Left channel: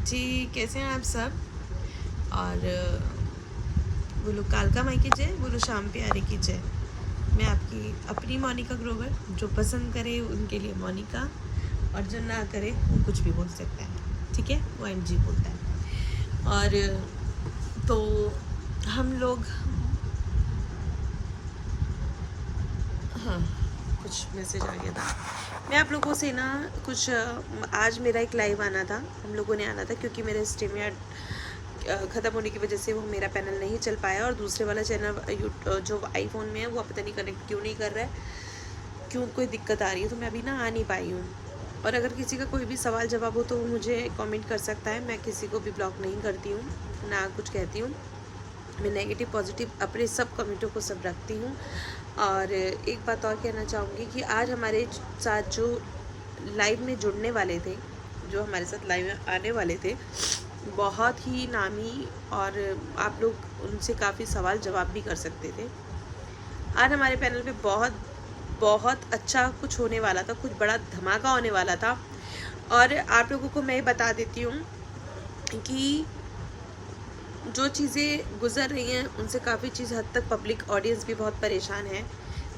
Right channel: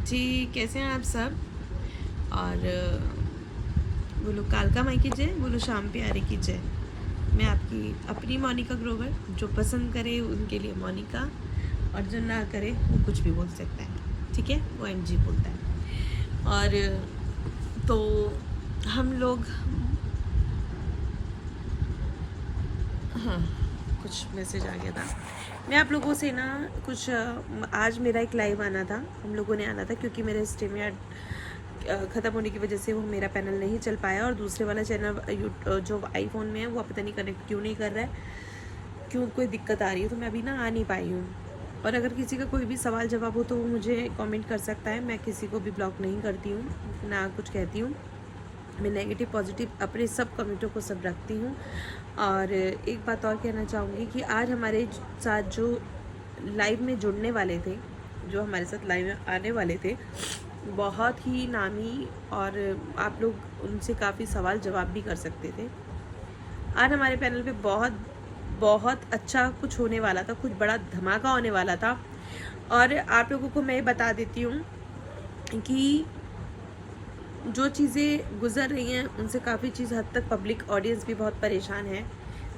जी, कैसे हैं आप सब। और बोलो कालका माई की जय, बोलो श्याम प्यारे की जय। मैं आपकी अपनी मोनिका ग्रोवर, जो पसंद करे उनके लिए मोनिका, और जो ना करे वो कुछ भी बोल सकता है, ठीक है, वो एनजी बोलता है। और तो हम लोग, हाँ, कुछ मैसेज आ गया था। मैं आप लोगों से ना कुछ आज मेरा एक लाइव आना था, हम लोगों ने आना था, क्योंकि मेरा स्ट्रीम ख़त्म होने की वजह से वो मेरा पैनल नहीं चल पाया, और दूसरे वाला चैनल जो आईफोन में है वो पता नहीं कनेक्ट क्यों नहीं कर रहा है, क्यों कोई दिक्कत आ रही है, तो मैं अभी ना आ नहीं पाई हूँ। और अगर किसी का कोई भी सवाल जवाब हो तो वो मुझे कमेंट कर सकता है। मैं किसी को भी ब्लॉक नहीं करती हूँ, ना कुछ कहती हूँ। मैं नेगेटिव पॉजिटिव अपने सब कमेंटों को सब रखती हूँ। और एक बात और कहना चाहूँगी कि आज हमारे साथ जो लाइव में जुड़ने वाले थे, जो हमारे साथ लाइव में आने वाले थे, बहुत ही नामी, और आप लोग उनसे काफ़ी सवाल जवाब भी कर सकते थे। आज हमारे पैनल पे बहुत बहुत अच्छा कुछ होने वाला था, कुछ बड़ा धमाका होने वाला था। और आप लोगों को मैं बता देती हूँ कि जो चीज़ें गुजर रही हैं उनसे काफ़ी चीज़ हद तक पब्लिक ऑडियंस भी बहुत परेशान है।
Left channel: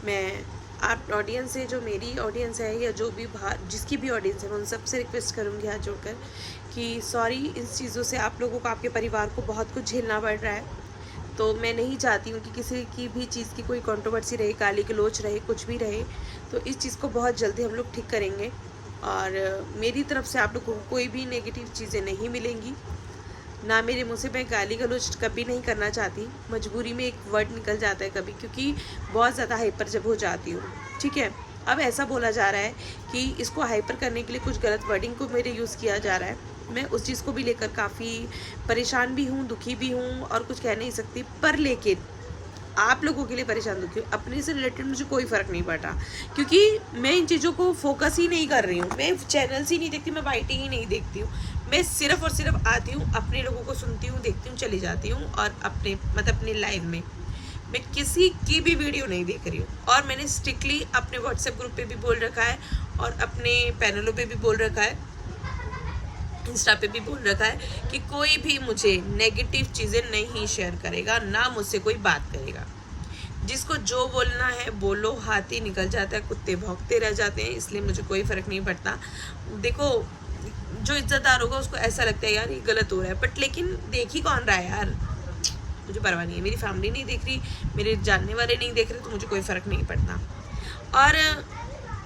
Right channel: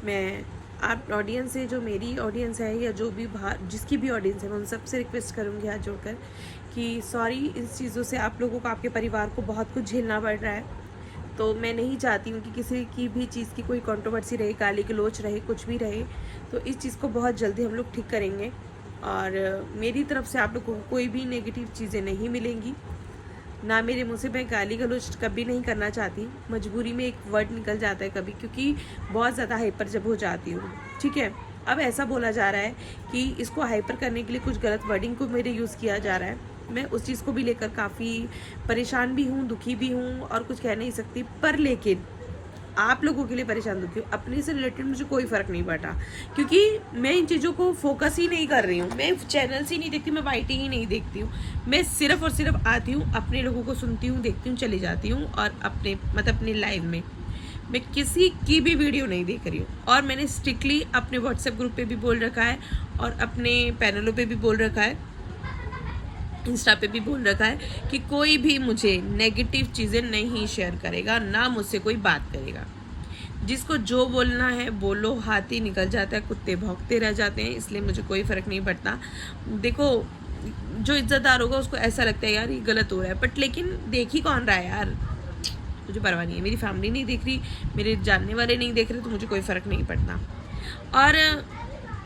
मैं आप ऑडियंस से, जो मेरी ऑडियंस है या जो भी बाहर जिसकी भी ऑडियंस है, मैं उन सबसे रिक्वेस्ट करूँगी हाथ जोड़कर कि सॉरी, इस चीज़ों से आप लोगों को, आपके परिवार को बहुत कुछ झेलना पड़ रहा है। तो मैं नहीं चाहती हूँ कि किसी की भी चीज़ की कोई कंट्रोवर्सी रहे, गाली गलौज रहे, कुछ भी रहे। तो इस चीज़ को बहुत जल्दी हम लोग ठीक करेंगे, और मेरी तरफ से आप लोगों को कोई भी नेगेटिव चीज़ें नहीं मिलेंगी, ना मेरे मुँह से मैं गाली गलौज कभी नहीं करना चाहती। मजबूरी में एक वर्ड निकल जाता है कभी, क्योंकि बहुत ज़्यादा हाइपर जब हो जाती हूँ, ठीक है। अब ऐसा बोला जा रहा है कि इसको हाइपर करने के लिए कुछ गलत वर्डिंग को मेरे यूज़ किया जा रहा है। मैं उस चीज़ को भी लेकर काफ़ी परेशान भी हूँ, दुखी भी हूँ, और कुछ कह नहीं सकती। पर लेकिन आप लोगों के लिए परेशान दुखी हूँ, अपने से रिलेटेड मुझे कोई फ़र्क नहीं पड़ता, क्योंकि मैं इन चीज़ों को फोकस ही नहीं कर रही हूँ। मैं चैनल्स ही नहीं देखती, मैं वाइटिंग ही नहीं देखती हूँ। मैं सिर्फ और सिर्फ आती हूँ, अपने लोगों को सुनती हूँ, देखती हूँ, चली जाती हूँ। और अपने लाइव में मैं किसी की भी वीडियो नहीं देख रही हूँ। और मैंने स्ट्रिक्टली अपने व्हाट्सएप ग्रुप पे भी बोल रखा है, और अपने पैनलों पे भी बोल रखा है, इंस्टा पे भी बोल रखा है कि कोई भी मुझे नेगेटिव चीज़ें नहीं शेयर करेगा, ना मुझसे कोई बात करेगा। जिसको जो बोलना है बोलो, हाथी निकल जाता है, कुत्ते भौंकते रह जाते हैं, इसलिए मुझे कोई फ़र्क नहीं पड़ता। देखो, जो इज्जतदार होगा उसको ऐसा लगता है यार ये गलत हो रहा है, बट लेकिन देख ही कौन रहा है यार, मुझे परवाह नहीं है। मेरी फैमिली नहीं देख रही, मेरे जानने वाले नहीं देख रहे, तो मुझे कोई फ़र्क नहीं पड़ता। और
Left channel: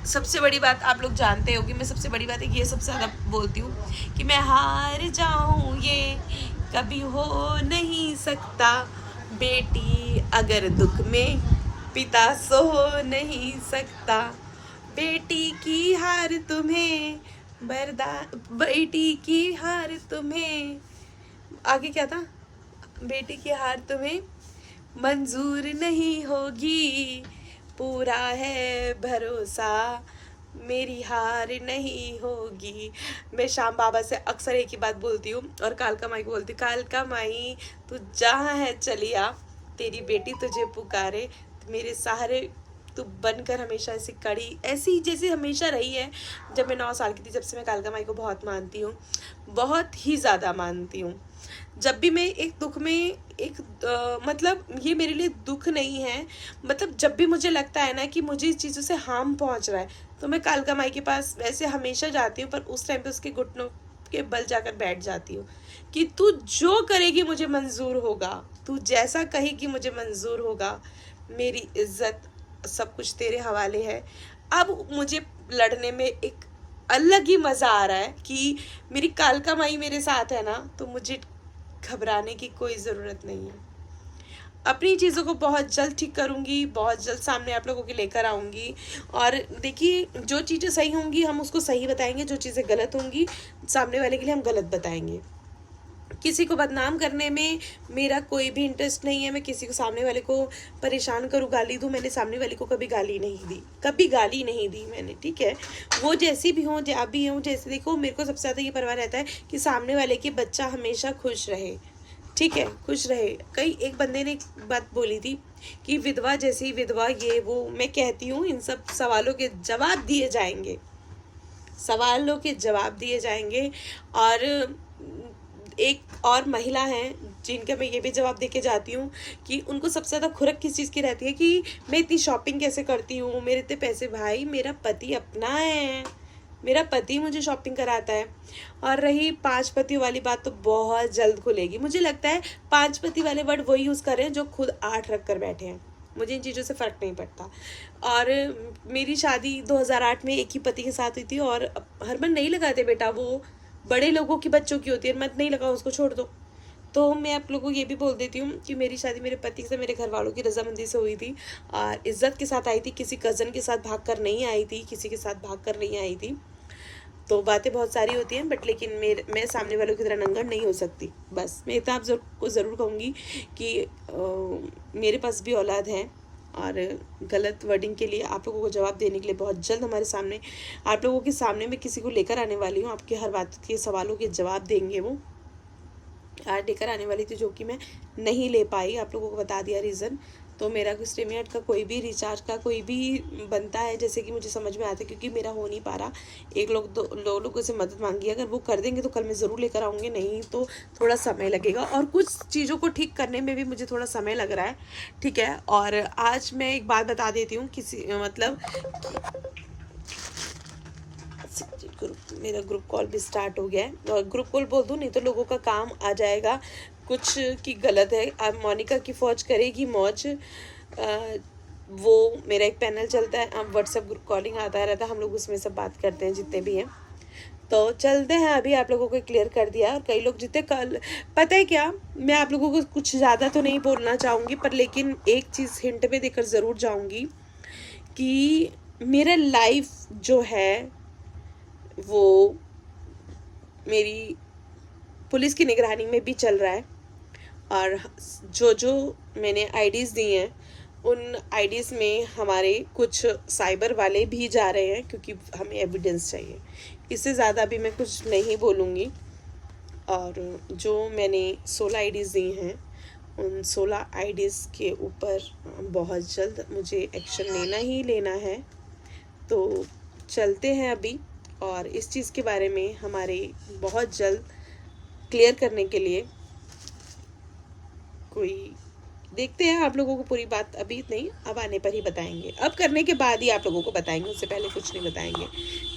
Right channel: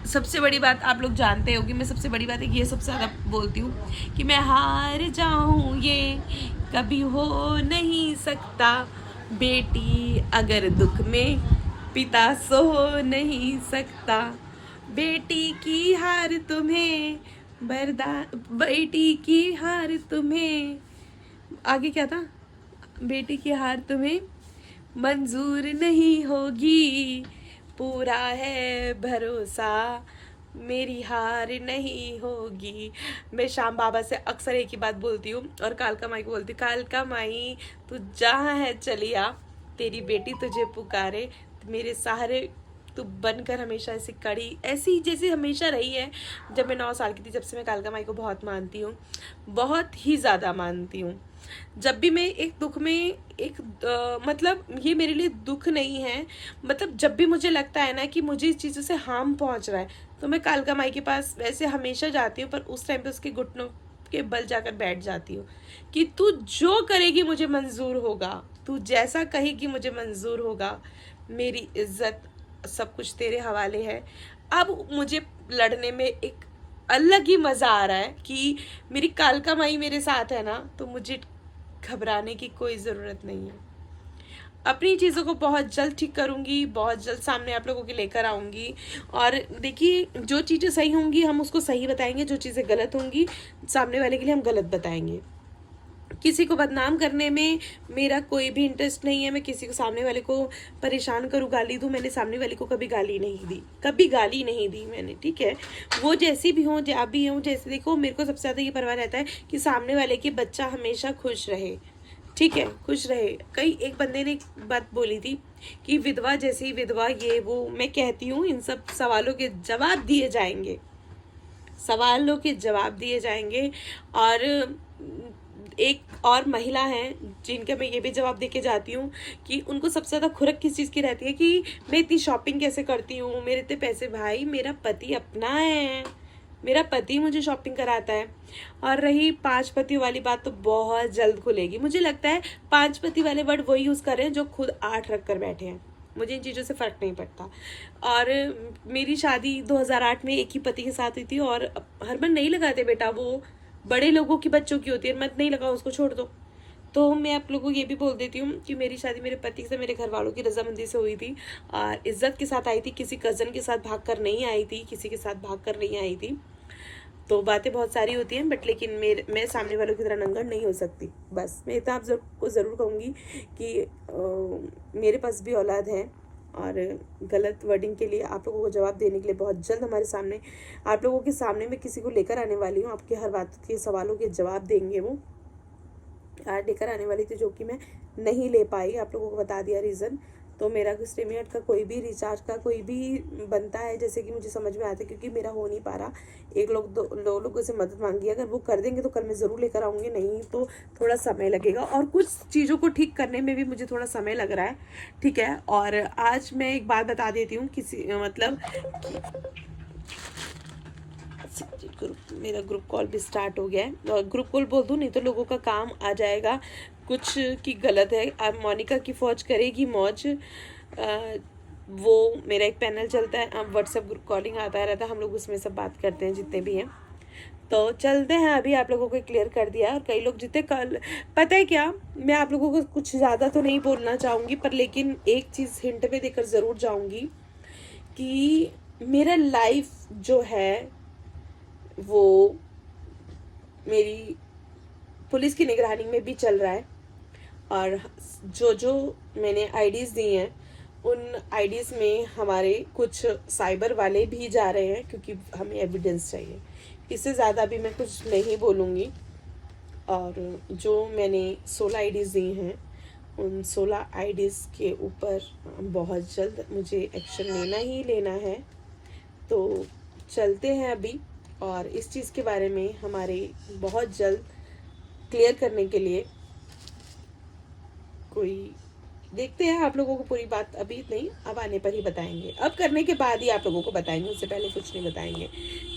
सबसे बड़ी बात आप लोग जानते हो कि मैं सबसे बड़ी बात है कि ये सबसे ज़्यादा बोलती हूँ कि मैं हार जाऊँ ये कभी हो नहीं सकता, बेटी अगर दुख में पिता सो नहीं सकता, बेटी की हार तुम्हें बेटी की हार तुम्हें, आगे क्या था, बेटी की हार तुम्हें मंजूर नहीं होगी, पूरा है भरोसा मेरी हार नहीं होगी। मैं श्याम बाबा से अक्सर एक ही बात बोलती हूँ, और कालका माई को बोलती हूँ, कालका माई तू जहाँ है चलिया, तेरी बेटी तुझे पुकारे, मेरे सहारे तू बनकर हमेशा ऐसी कड़ी, ऐसी जैसी हमेशा रही है। जब मैं 9 साल की थी, जब से मैं कालका माई को बहुत मानती हूँ, बहुत ही ज़्यादा मानती हूँ। जब भी मैं एक दुख में मतलब ये मेरे लिए दुख नहीं है, मतलब जब भी मुझे लगता है ना कि मुझे इस चीज़ों से हार्म पहुंच रहा है, तो मैं कालका माई के पास वैसे हमेशा जाती हूँ, पर उस टाइम पे उसके घुटनों के बल जाकर बैठ जाती हूँ कि तू जो करेगी मुझे मंजूर होगा, तू जैसा कहेगी मुझे मंजूर होगा, मेरी इज्जत सब कुछ तेरे हवाले है। अब मुझे लड़ने में एक अलग ही मज़ा आ रहा है कि मेरी कालका माई मेरे साथ है ना, तो मुझे घबराने की कोई ज़रूरत नहीं है। अपनी चीज़ों को बहुत जल्द ठीक करूँगी, बहुत जल्द सामने आप लोगों के लेकर आऊँगी। और देखिए, जो चीज़ें सही होंगी हम उसको सही बताएंगे, जो चीज़ें गलत होंगी सामने वाले के लिए हम गलत बताएंगे। किसी को बदनाम करने में मेरा कोई भी इंटरेस्ट नहीं है। मैं किसी को, सामने वाले को परेशान करूँ, गाली दूँ, मैंने सामने वाले को कभी गाली नहीं दी, कभी गाली नहीं दी मैंने, ठीक है। वो जैसी भी हो, आप भी हो, जैसे देखो, मेरे को सबसे ज़्यादा ये परवाह रहता है कि सामने वाले की बच्चा हमेशा खुश रहे, ठीक है, खुश रहे। कई एक बंदे ने एक बात बोली थी कि विधवा जैसी विधवा, ये वो। मैं कहती हूँ इन सब सवालों के जवाब दिए जाएंगे, सवालों के जवाब दिए जाएंगे। और एक और महिला हैं जिनका मैं ये भी जवाब दे के जाती हूँ कि उनको सबसे ज़्यादा खुरक किस चीज़ की रहती है कि मैं इतनी शॉपिंग कैसे करती हूँ, मेरे इतने पैसे। भाई मेरा पति अपना है, मेरा पति मुझे शॉपिंग कराता है। और रही 5 पतियों वाली बात, तो बहुत जल्द खुलेगी। मुझे लगता है 5 पति वाले वर्ड वही यूज़ कर रहे हैं जो खुद 8 रख कर बैठे हैं। मुझे इन चीज़ों से फ़र्क नहीं पड़ता। और मेरी शादी 2008 में एक ही पति के साथ हुई थी। और हरमन नहीं लगाते बेटा, वो बड़े लोगों की बच्चों की होती है, मत नहीं लगाओ, उसको छोड़ दो। तो मैं आप लोगों को ये भी बोल देती हूँ कि मेरी शादी मेरे पति से, मेरे घर वालों की रजामंदी से हुई थी। और इज्जत के साथ आई थी, किसी कज़न के साथ भाग कर नहीं आई थी, किसी के साथ भाग कर नहीं आई थी। तो बातें बहुत सारी होती हैं, बट लेकिन मैं सामने वालों की तरह नंगा नहीं हो सकती। बस मैं इतना आप को ज़रूर कहूँगी कि मेरे पास भी औलाद है। और गलत वर्डिंग के लिए आप लोगों को जवाब देने के लिए बहुत जल्द हमारे सामने, आप लोगों के सामने मैं किसी को लेकर आने वाली हूँ। आपके हर बात के सवालों के जवाब देंगे वो। आज लेकर आने वाली थी जो कि मैं नहीं ले पाई, आप लोगों को बता दिया रीज़न। तो मेरा स्ट्रीमयार्ड का कोई भी रिचार्ज का कोई भी बनता है, जैसे कि मुझे समझ में आता है, क्योंकि मेरा हो नहीं पा रहा। एक लोग दो लोगों से मदद मांगी, अगर वो कर देंगे तो कल मैं ज़रूर लेकर आऊँगी, नहीं तो थोड़ा समय लगेगा। और कुछ चीज़ों को ठीक करने में भी मुझे थोड़ा समय लग रहा है, ठीक है। और आज मैं एक बात बता देती हूँ, किसी मतलब मेरा ग्रुप कॉल भी स्टार्ट हो गया है। ग्रुप कॉल बोल दूँ, नहीं तो लोगों का काम आ जाएगा कुछ की गलत है। अब मोनिका की फौज करेगी मौज। वो मेरा एक पैनल चलता है, अब व्हाट्सएप ग्रुप कॉलिंग आता रहता है, हम लोग उसमें सब बात करते हैं जितने भी हैं। तो चलते हैं, अभी आप लोगों को क्लियर कर दिया। और कई लोग जितने कल, पता है क्या, मैं आप लोगों को कुछ ज़्यादा तो नहीं बोलना चाहूँगी, पर लेकिन एक चीज़ हिंट में देकर ज़रूर जाऊँगी कि मेरा लाइफ जो है वो मेरी पुलिस की निगरानी में भी चल रहा है। और जो मैंने आईडीज़ दी हैं, उन आईडीज़ में हमारे कुछ साइबर वाले भी जा रहे हैं, क्योंकि हमें एविडेंस चाहिए। इससे ज़्यादा भी मैं कुछ नहीं बोलूँगी। और जो मैंने 16 आईडीज़ दी हैं, उन 16 आईडीज़ के ऊपर बहुत जल्द मुझे एक्शन लेना ही लेना है। तो चलते हैं अभी, और इस चीज़ के बारे में हमारे बहुत जल्द क्लियर करने के लिए कोई देखते हैं। आप लोगों को पूरी बात अभी नहीं, अब आने पर ही बताएंगे। अब करने के बाद ही आप लोगों को बताएंगे, उससे पहले कुछ नहीं बताएंगे,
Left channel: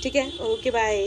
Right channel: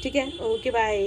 ठीक है। Okay bye.